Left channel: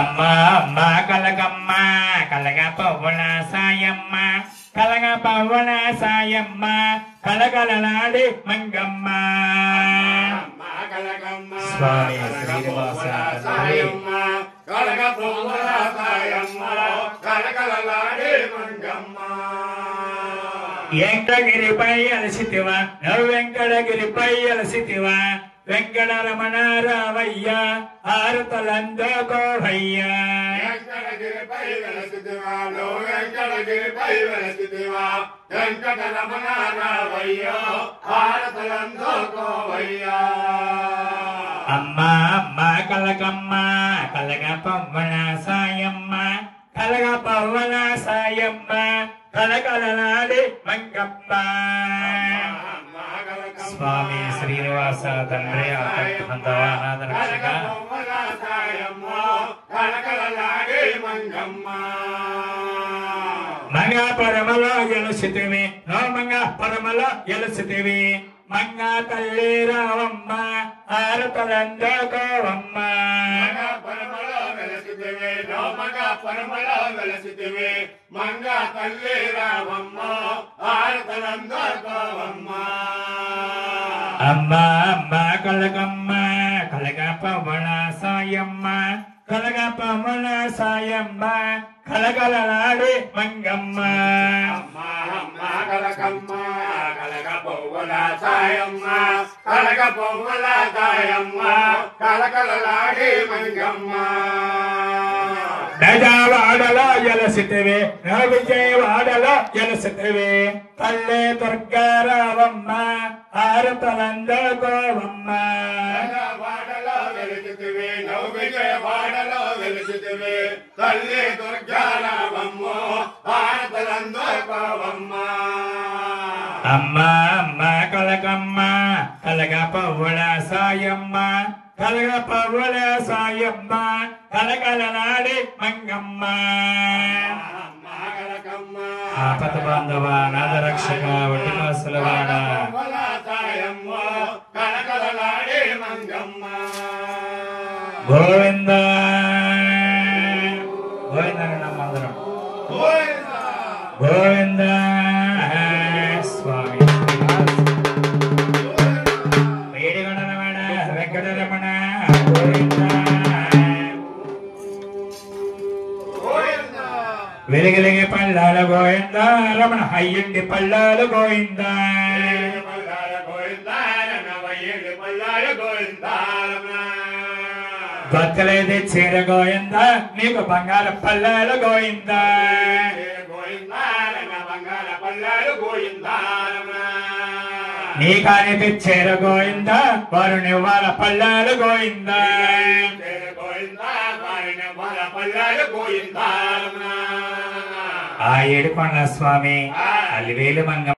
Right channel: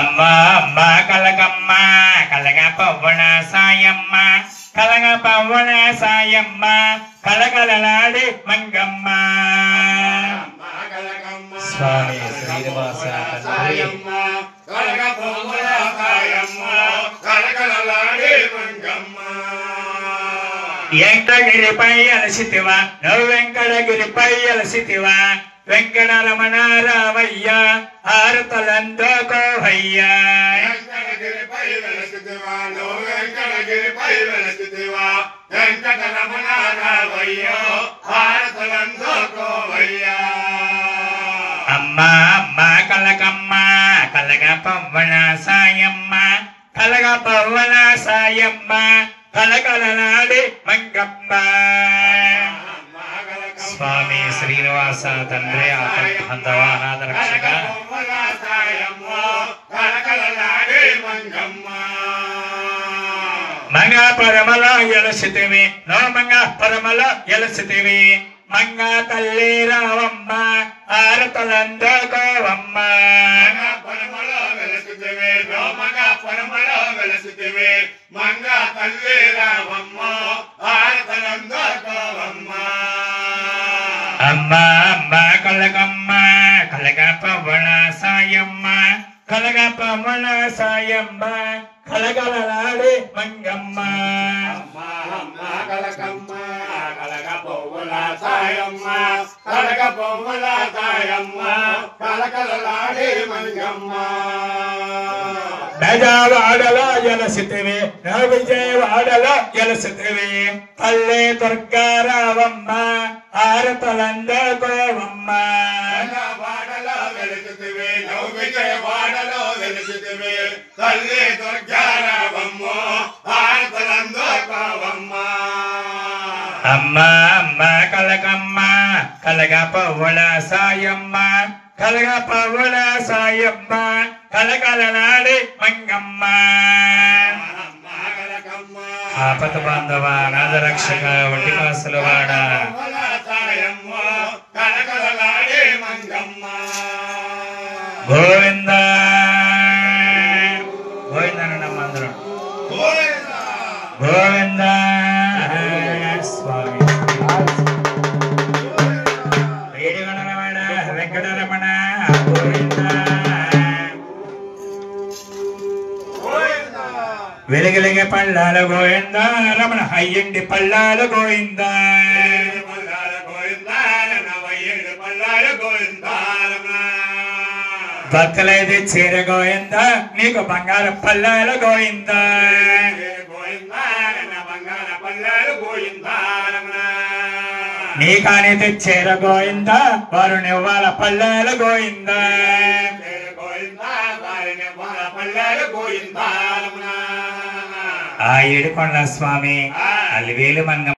అమ్మా అమ్మా కలగమ్మ కలగ పవ్వన సాయమ్మ కలగ పవ్వన సాయమ్మ కలకలలాడి మంగమ్మ స్వామి శ్రీనివాస కలగ పవ్వన సాయమ్మ కలకలలాడి మంగమ్మ వెంకటగిరిపై అలసితివా నువ్వు వెంకటగిరిపై అలసితివా వెంకటరమణ రావయ్య ఆరతలందోకోవయ్య వెంకటగిరిపై వెలసితివా నువ్వు వెంకటగిరిపై వెలసితివా వెంకటరమణ రావయ్య ఆరతలందోకోవయ్య అమ్మా అమ్మా కలకమ్మ కలగ పవ్వన సాయమ్మ కలగ పవ్వన సాయమ్మ కలకలలాడి మంగమ్మ స్వామి శ్రీనివాస తండ్రి ఆపద్బాంధవ అనాథ రక్షక మంగ పరమల ఎలసితివి నో మంగ పరమల ఎలసితివి మంగ తల్లి రావమ్మ ఆరతలందోకోవమ్మ మంగ తల్లి రావమ్మ ఆరతలందోకోవమ్మ అమ్మా అమ్మా కలగమ్మ కలగ పవ్వన సాయమ్మ కలగ పవ్వన సాయమ్మ కలకలలాడి మంగమ్మ కలకమ్మ కలగ పవ్వల సాయమ్మ కలగ పవ్వల సాయమ్మ కలకలలాడి మంగమ్మ నజవాడలో ఎలసితివి నా విజయవాడలో ఎలసితివి పల్లె దుర్గారావమ్మ ఆరతలందోకోవమ్మ వాడలో వెలుగుతివి నవ్వు విజయవాడలో వెలుగుతివి తల్లి దుర్గారావమ్మ ఆరతలందోకోవమ్మ అమ్మా అమ్మా కలగమ్మ కలగ పవ్వల సాయమ్మ కలగ పవ్వల సాయమ్మ కలకలలాడి మంగమ్మ ఆపద బాంధవ అనాథ రక్షక వడ్డీ కాసుల వాడ గోవింద గోవిందనమ్మ అందరం గోవింద స్వామి వేడిగణరమణ వెంకటరమణ గోవింద వెలుగులిగే పల్లాలు గోవింద రమణ అయ్యండి పల్లాలు గోవింద భక్తులైతే చీర గోవింద నీకు బంగారు పల్లాలు గోవింద నీకానైతే చీర గోవింద వారు నివ్వాల పల్లాలు గోవింద ఆ ఏడుకొండ స్వామి అలివేలు మంగ